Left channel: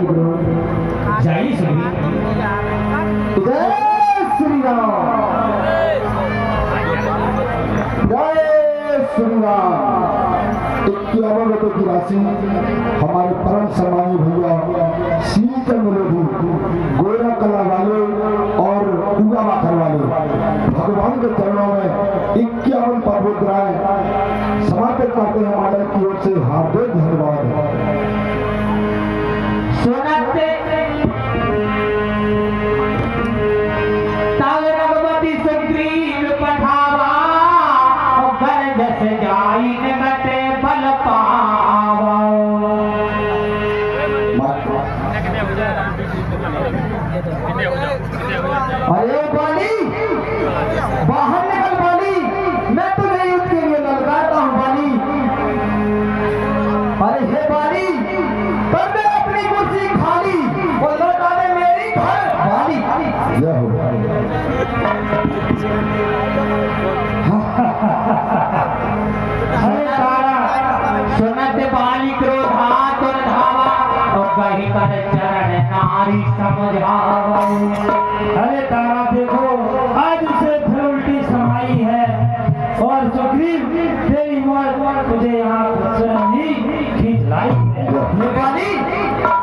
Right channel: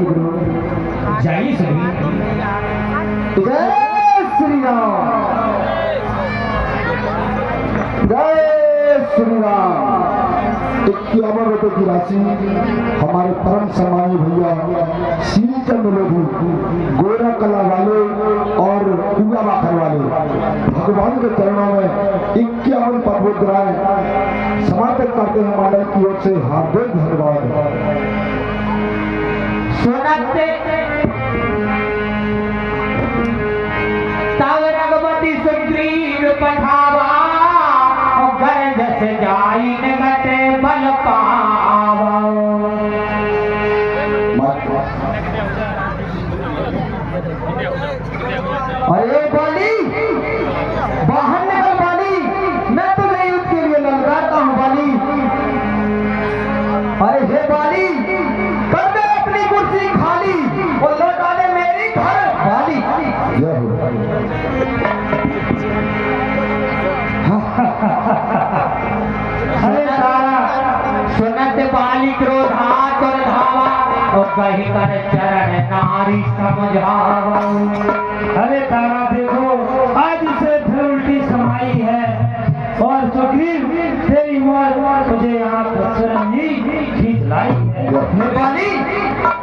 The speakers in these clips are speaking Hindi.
गुरु जय श्री राम जय श्री राम। 51 रुपए की राशि हमारे परम सम्मानी भैया श्रीचंद लोधी गोरा कला वाले और पूरा माखर वाले भगवान के चरणों में 51 पवित्राएं समर्पित करते हैं। मंडल की ओर से हार्दिक धन्यवाद। सोनते रघुपति सुग्रीव पठावा और गर्ज से जाई निगटे बल पावा। अरे बाली बाहर निकल बाली, मैं तुझे युद्ध के लिए ललकारता हूँ बाली। अरे हे बाली कर दे अपनी कुर्सी खाली और लौटा दे मेरी घर बाली। अरे तारा सुनते बाली क्रोध हाथ और धावा और कहीं कर चरण नारी समझावा। अरे तारा देखो आज उसे फिर उल्टी समाई है और सुग्रीव तेरी मौत तुझे यहाँ प्रसन्न ही खींच लाई है। हे बाली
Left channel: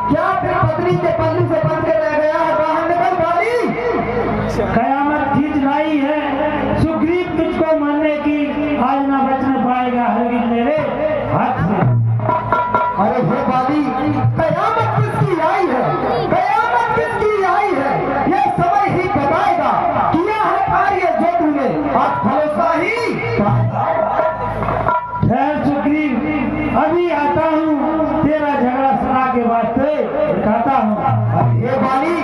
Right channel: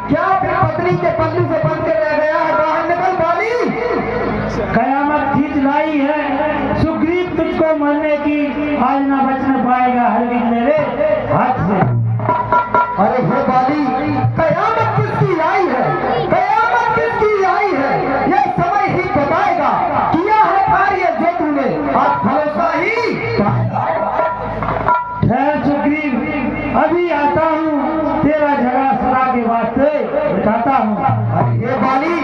क्या फिर पत्नी के पल्लू से बंध के रह गया है? बाहर निकल बाली। कयामत खींच लाई है। सुग्रीव तुझको मरने की आज न बच न पाएगा हरगिज मेरे हाथ से। अरे हे बाली कयामत किसकी आई है? कयामत किसकी आई है? ये समय ही बताएगा। किया है कार्य जो तूने आज भरोसा ही ठहर सुग्रीव, अभी आता हूँ तेरा झगड़ा सदा के वास्ते बताता हूँ। अरे हे बाली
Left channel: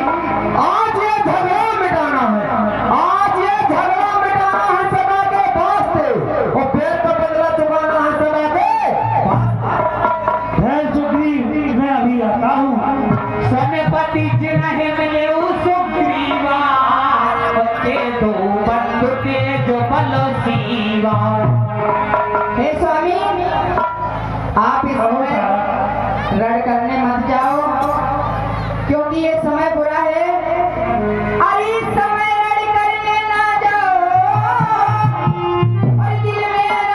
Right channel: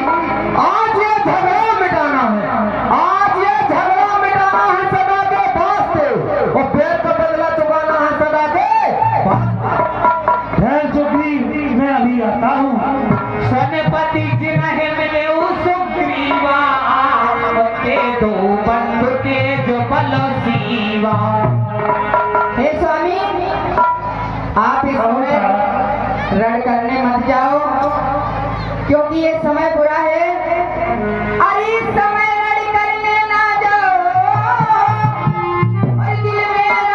आज ये झगड़ा मिटाना है, आज ये झगड़ा मिटाना है सदा के वास्ते और पेड़ का बदला चुकाना है सदा के वास्ते। ठहर सुग्रीव, मैं अभी आता हूँ। सोनेपति जिन्हें मिले सुग्रीवा ते दो बंधु के जो बल सीवा। हे स्वामी आप इस समय रण करने मत जाओ क्योंकि ये समय बुरा है। अरे इस समय रण करने ना जाओ और दिल मेरा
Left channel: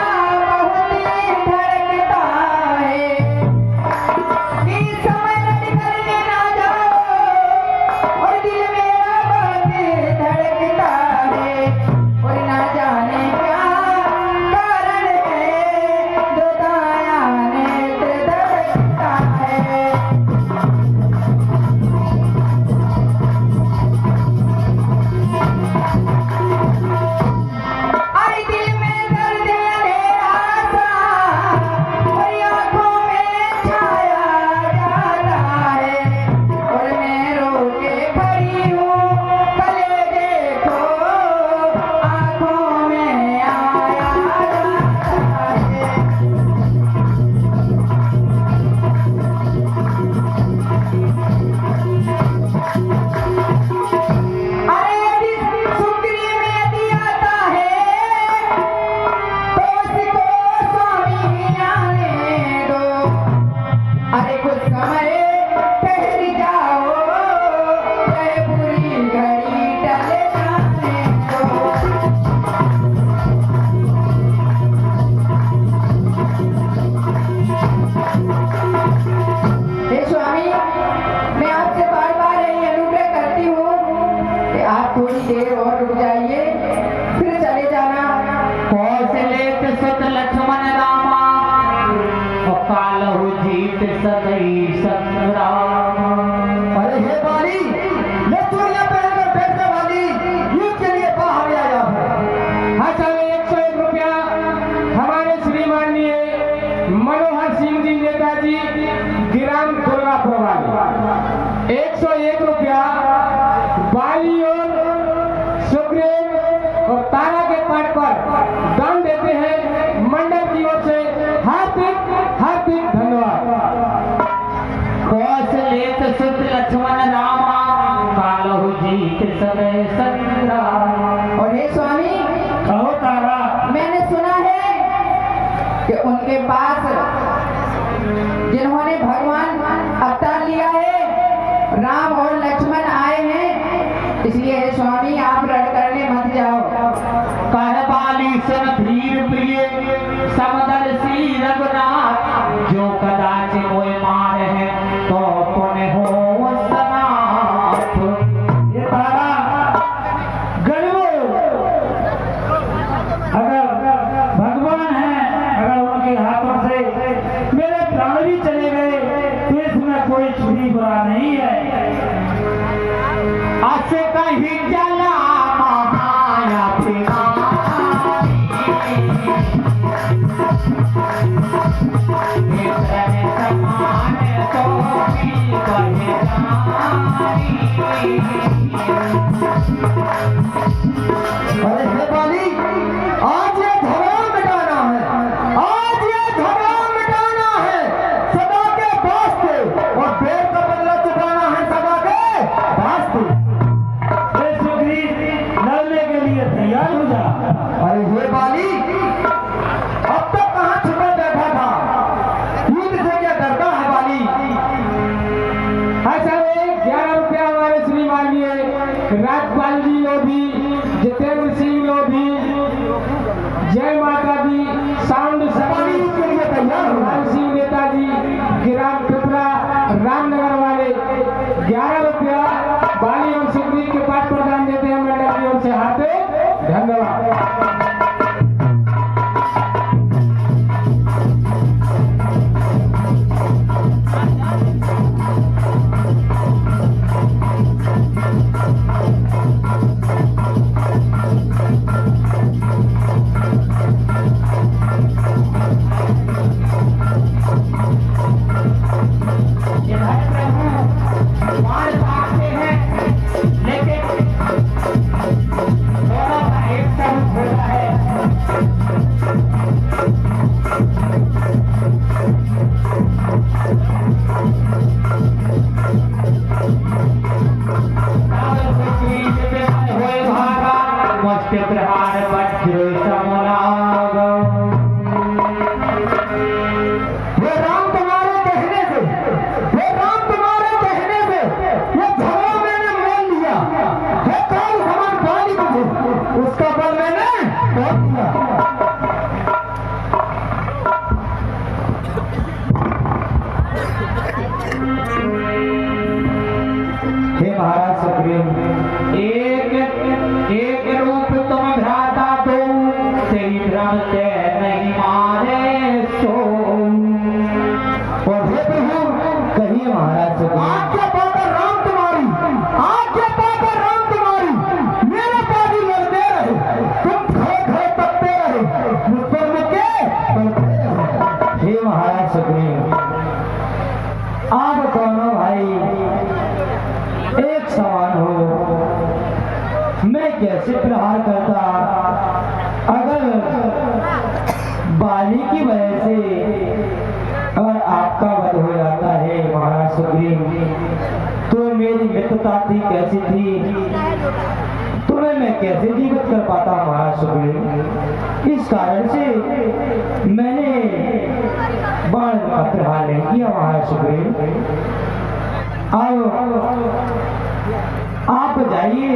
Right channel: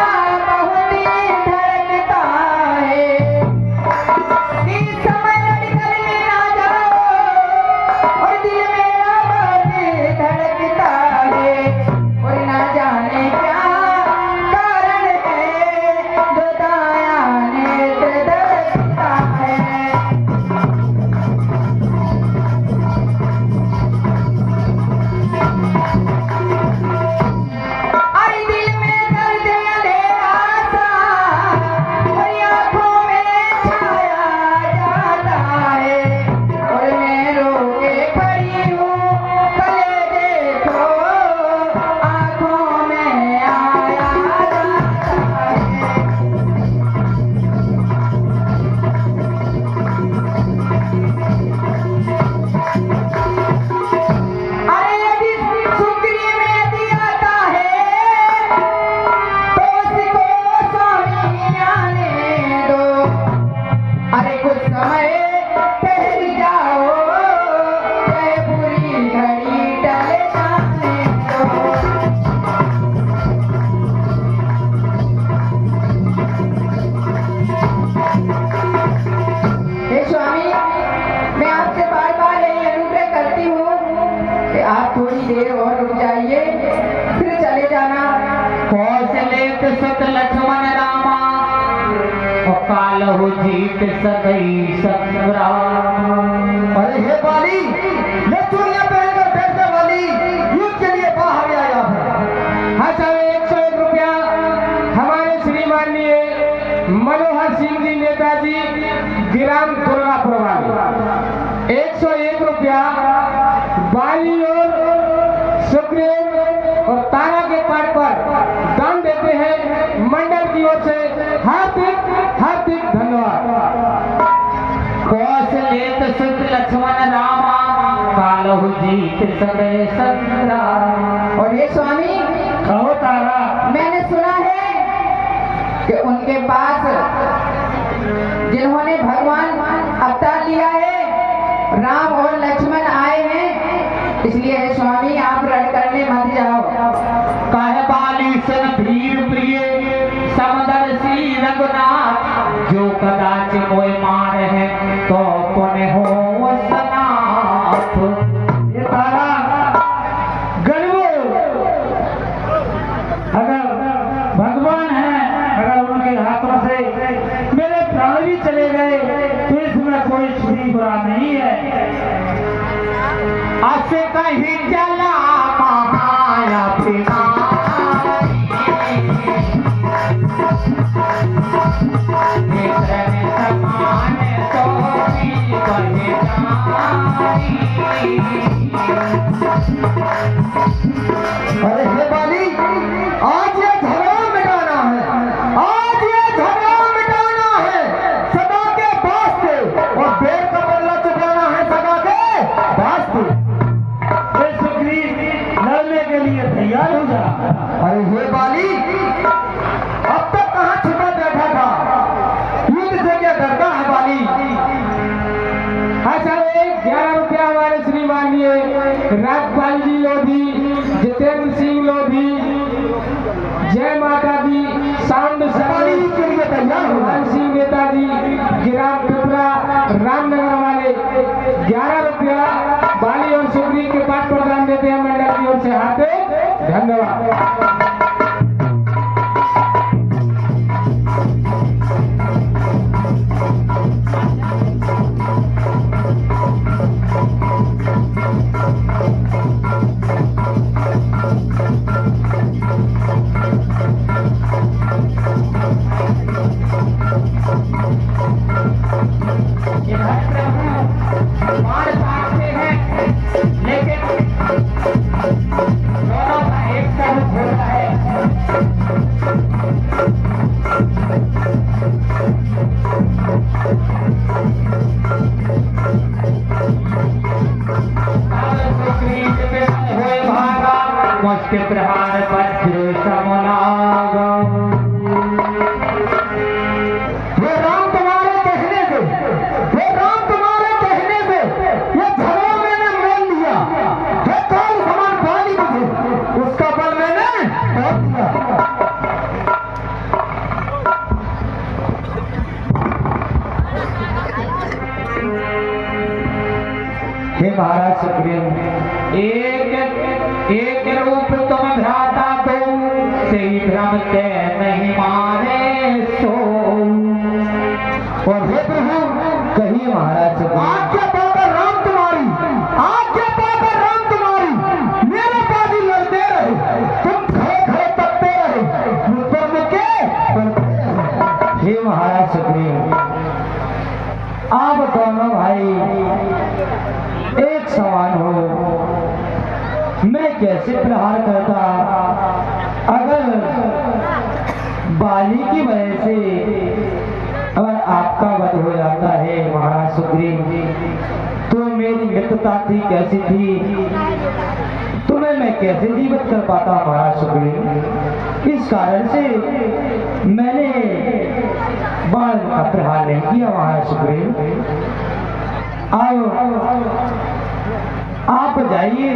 बहुत धड़कता है। इस समय रण करने ना जाओ और दिल मेरा बहुत धड़कता है और ना जाने क्या कारण है बताया नेत्र धड़कता है। अरे दिल में दर्द अंधेरा सा और आँखों में छाया जाता है और मैं रोके खड़ी हूँ भले देखो आँखों में आया जाता है। अरे यदि सुग्रीव यदि आता है तो उसको स्वामी आने दो। अरे कुछ समय ठहर जाओ चाहे पूरी घड़ी टले जाने दो। हे स्वामी मैं आपसे बार बार यही अनुग्रह करती हूँ कि आप थोड़ी देर और रुक जाइए फिर चले जाना। कौशलेत सत लक्ष्मण रामा और कालहु जीत सतई संग्राम। अरे हे बाली ये चूड़ियां पहनकर बैठने वाली युद्ध के लिए बाहर आया है। हाँ साहब 101 रुपया हमारे श्रीमाननीय मनोहर सिंह जी नेताजी ग्राम दुर्गापुर वाले 101 रुपया बाली और सुग्रीव और तारा के पाठ पर दान देते हैं। मंडल की ओर से हार्दिक हार्दिक धन्यवाद। कौशलेत सुत लक्ष्मण रामा कालहु जीत सतई संग्राम। और हे स्वामी कहो तारा, मैंने सुना है कि उनके पास जिन्होंने भगवान अवतार लिया है राम और लक्ष्मण आए हैं, इसलिए हे स्वामी आप रण करने मत जाओ। कह बाली सन धीर प्रिय समदर्शी रघुनाथ, जो कदाच मोय मार है तो पुण्य हो सनाथ। ये तारा गर्व अगर भगवान है, अगर उनके हाथों से मेरे प्राण भी चले गए तो इसमें कोई छुरी बुरा नहीं है। असे कहीं जला महाया अरे हे बाली, आज ये झगड़ा मिटाना है, आज ये झगड़ा मिटाना है सदा के वास्ते, और देर का बदला चुकाना है सदा के वास्ते। ये सुग्रीव लड़ने के लिए तैयार हो जा। अरे हे बाली, अब तक कहाँ छुपा बैठा था, युद्ध से क्या डरता है बाली? अच्छा, 11 रुपया हमारे श्रीमान जी राजपाल जी लोधी, जितेंद्र सिंह लोधी, जय माता दी, साउंड बाली उसके लिए तैयार हो हनुमान सिंह नेताजी, गिराम पिपरा, रामनगर वाले 11 रुपया बाली और सुग्रीव के पास प्रदान देते हैं मंडल की ओर से। हार्दिक धन्यवाद। प्रहार वज्र समलागा। हे राम तुम्हारे कहने से, हे राम तुम्हारे कहने से ये झगड़ा मैंने मोल लिया। हे कौन समान बाली मुझे, उसका बल मैंने बहुत दिया। हे महाराज सुग्रीव, एक रूप तुम भ्राता दो, तेरी भ्रम ते नहीं मारे सो। और हे प्रभु कहिए महाराज सुग्रीव। आज्ञा पाकर राम तुम्हारी, आज्ञा पाकर राम तुम्हारी, मेरे पास ही लड़ते रहे, तुम खड़े खड़े तकते रहे, मुझ पर मुक्के पड़ते रहे। हे महाराज सुग्रीव, आप दोनों भाई एक समान हो, मैं कैसे प्रहार करता अगर बाली की वजह से अगर आपका वध हो जाता है महाराज सुग्रीव, तो मेरी मित्रता थी कैसी थी, तुम्हें मैं कैसे जीवित कर पाता महाराज सुग्रीव। इस कारण से मैंने बाण का प्रहार नहीं किया महाराज सुग्रीव। आप जाइए,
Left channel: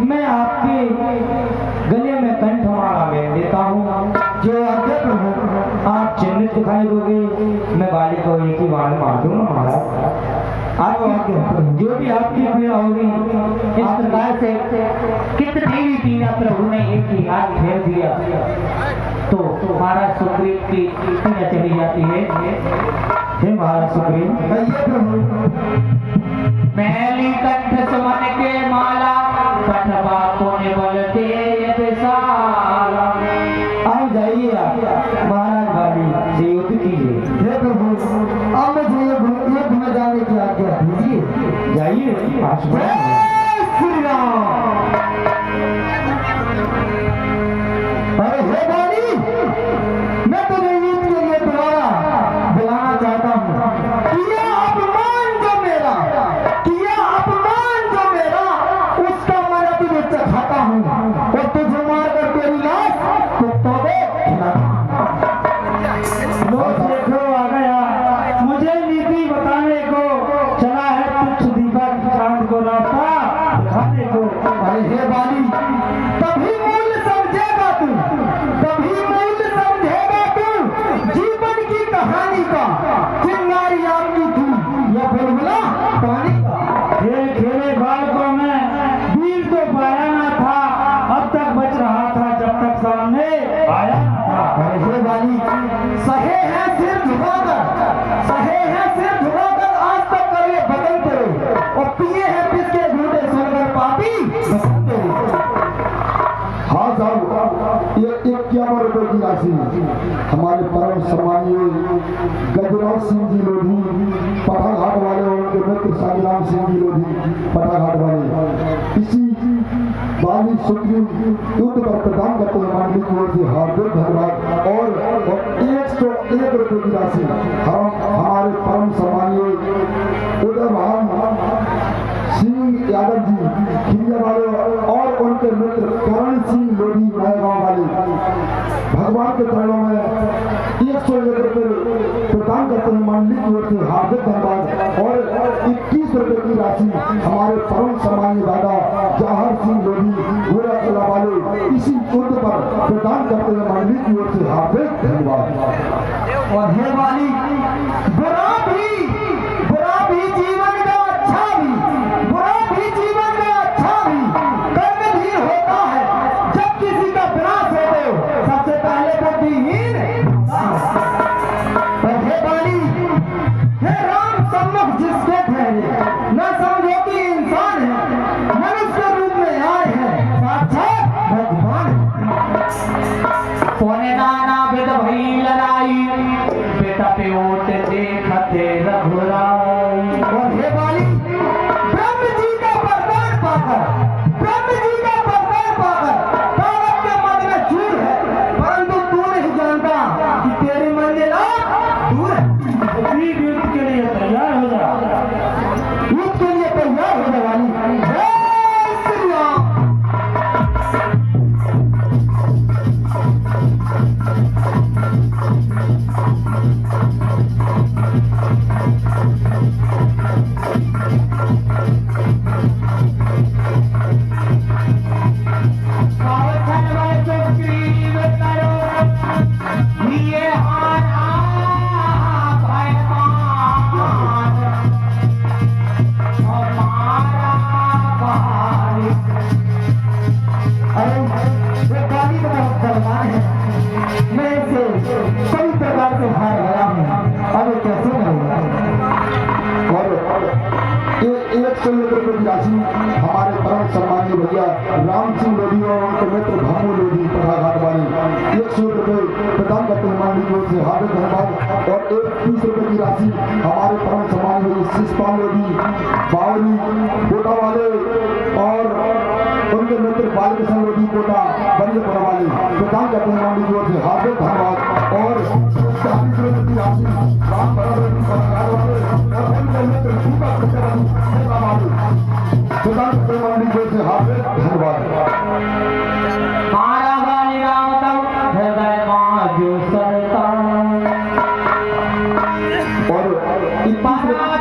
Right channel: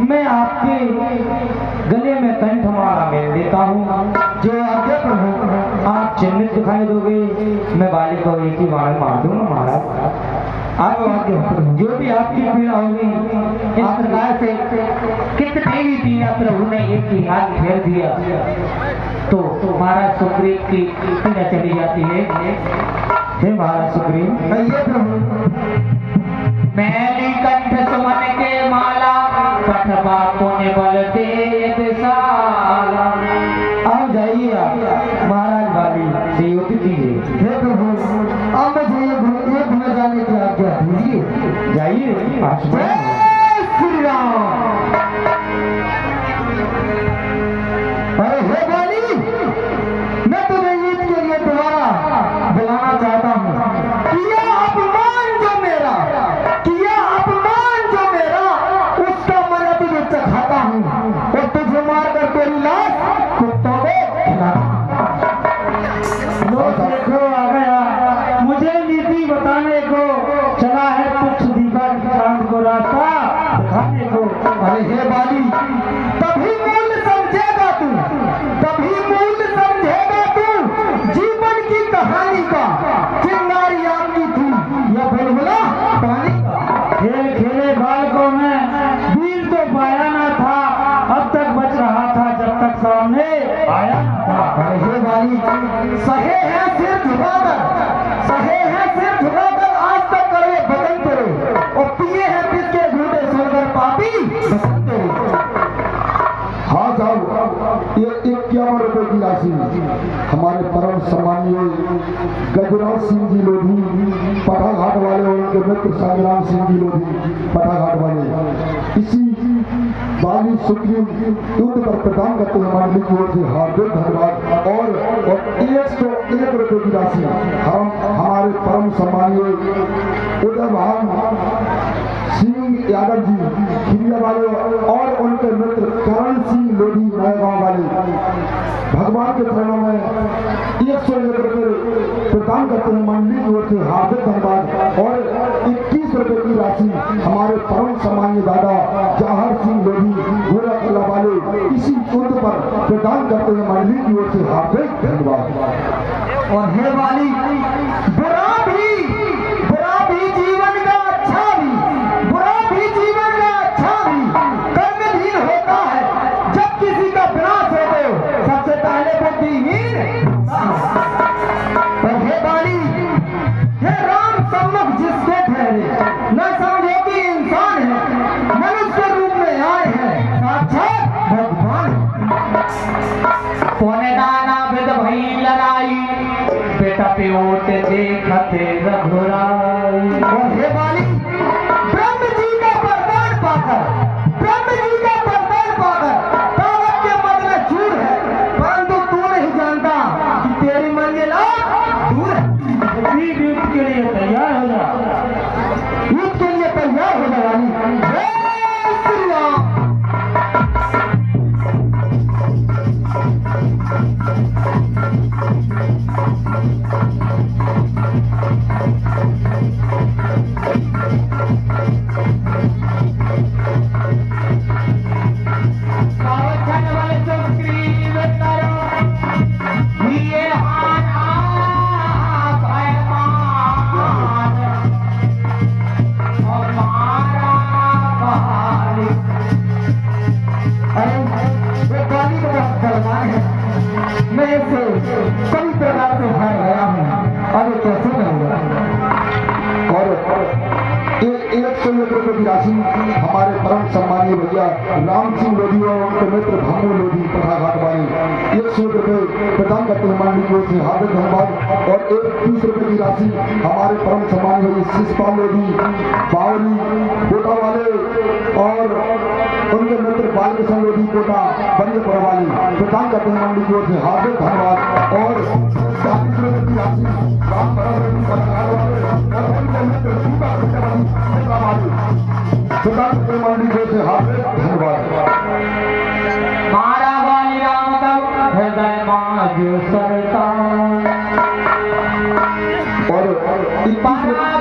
मैं आपके गले में कंठमाला मेल देता हूँ, जो आज्ञा प्रभु आप चिन्हित दिखाई दोगे, मैं बाली को एक ही बाण मार दूंगा महाराज। आप जो भी आपकी पीड़ा होगी, इस प्रकार से कितनी भी पीड़ा प्रभु ने एक ही हाथ फेर दिया तो महाराज सुग्रीव की पीड़ा चली जाती है। हे महाराज सुग्रीव, कहिए प्रभु। मैली कंठ सुमन के माला, पठवा पुण्य बल तेज साला। अब जाइए आप महाराज बाली से युद्ध कीजिए। हे प्रभु, अब मुझे ये भूल जाने की आज्ञा दीजिए। जाइए आशीर्वाद। जय श्री राम। अरे हे बाली, मैं तुझे युद्ध के लिए दोबारा बुलाना चाहता हूँ। किया अपमान जो मेरा, किया अपमान जो मेरा, उसका मन अभी मैं चखाता हूँ, और तुझे मार कर तेरी लाश कुत्तों को खिलाता। देखो आ गया, मुझे नीति बताने को चला है। पानी का खेल खेले बालकों में वीर तो पाया ना था, अब तक बच रहा था जब तक सामने आया ना था। अरे वाली सहे हैं सिर झुकाकर, सहे हैं सिर झुकाकर, आज तक करे बदन करे, और पिए हैं किसके झूठे सुनकर पापी बसंत करे। हाँ साहब, ये 51 रुपए की राशि हमारे परम सम्मानीय गजराज सिंह जी लोधी पटाघाट वाले और उनके मित्र संग्राम सिंह जी लोधी पटाघाट वाले इसी बाली सुप्रीम युद्ध पर प्रदान करते हैं मंडली की ओर से हार्दिक धन्यवाद। और 101 रुपए की राशि हम हमारे परम सम्मानीय उदय भान सिंह यादव जी खिरिया वाले और उनके मित्र करण सिंह लोधी नएगांव वाले भगवान के चरणों में 101 रुपए प्रदान करते हैं मंडली की ओर से हार्दिक धन्यवाद। और 21 रुपए की राशि हमारे परम सम्मानीय दादा जवाहर सिंह लोधी गोरा किला वाले इसी युद्ध पर प्रदान करते हैं मंडली की ओर से हार्दिक धन्यवाद। और हे वाली बुरा भी जीवन का अच्छा भी, बुरा भी जीवन का अच्छा भी कर्महीन होता है। जब किसी का विनाश होते हो सबसे पहले बुद्धिहीन। और हे वाली, हे राम सम्मुख जिसके ठहरे न समझो कि इंसान है, मनुष्य रूप में आए हैं साक्षात भगवान। पौने नाना भेद भई लड़ाई, बेटा प्योट देखते रघुराई। और हे वाली, ब्रह्म जी का वरदान पाकर, ब्रह्म जी का वरदान पाकर पावक के मत में चूर है, परंतु तू नहीं जानता कि तेरी मंजिल दूर है। वीर युद्ध के लिए तैयार हो जा। युद्ध के लिए तैयार होने वाली जय श्री राम। मैं इससे कई प्रकार से हार गया हूँ, अब ये कैसे करूँगा। और 101 रुपए की राशि हमारे परम सम्मानीय भैया राम सिंह लोधी और उनके मित्र भामू लोधी पटाघाट वाले 100 रुपए प्रदान करते हैं मंडली की ओर से हार्दिक धन्यवाद। और 30 रुपए की राशि हमारे परम सम्मानीय शिषपाल लोधी बावली कोटा वाले और उनके मित्र बालकृष्ण लोधी कोटा बनियापुरा वाले प्रदान करते हैं मंडली की ओर से हार्दिक धन्यवाद। और 40 रुपए की राशि राम लोधी पटाघाट वाले और उनके मित्र सूखा कोटा वाले प्रदान करते हैं मंडली की ओर से हार्दिक धन्यवाद। मारा वाली राम तक हृदय मां जो सरता। और 21 रुपए